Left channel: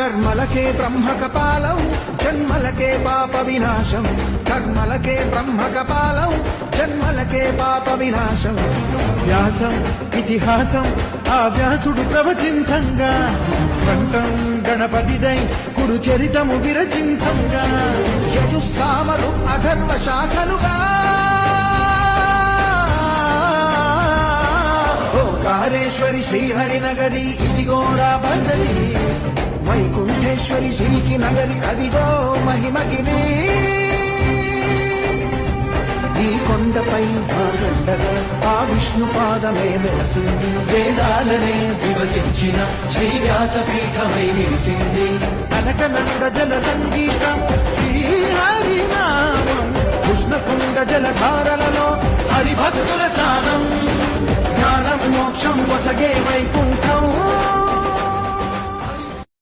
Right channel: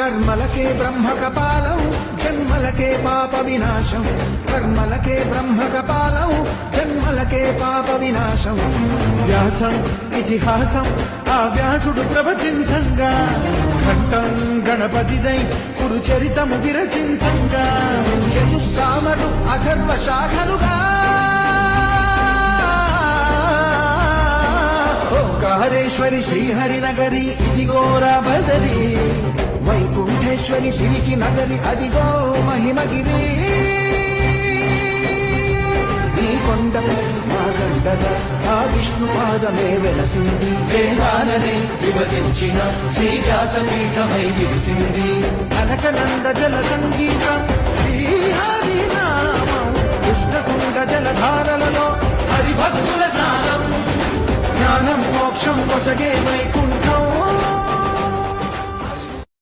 కర్మలకే బ్రహ్మ కపాలం జన్మలకే పాప వినాశం కర్మలకే బ్రహ్మ కపాలం జన్మలకే పాప వినాశం వ్యాసం ఇతిహాసం ఆ వ్యాసుడు ప్రవచించంగా ఖండం గణపతిదై కురు చరితము విరచించంగా యజుస్సామలు అథర్వ శాఖలుగా ఓంకారేశ్వరి శ్రీహరినగరి ఇదిగో రాబదరి వైకుంఠేశ్వరి సిరికి నగరి అదిగో మహిమగిరి ఈ కొండపై పాదండగా ఆ విష్ణు పాదమే వెలసి వేదాలనే విభజించిన శ్రీ వ్యాసపీఠమై విరిసి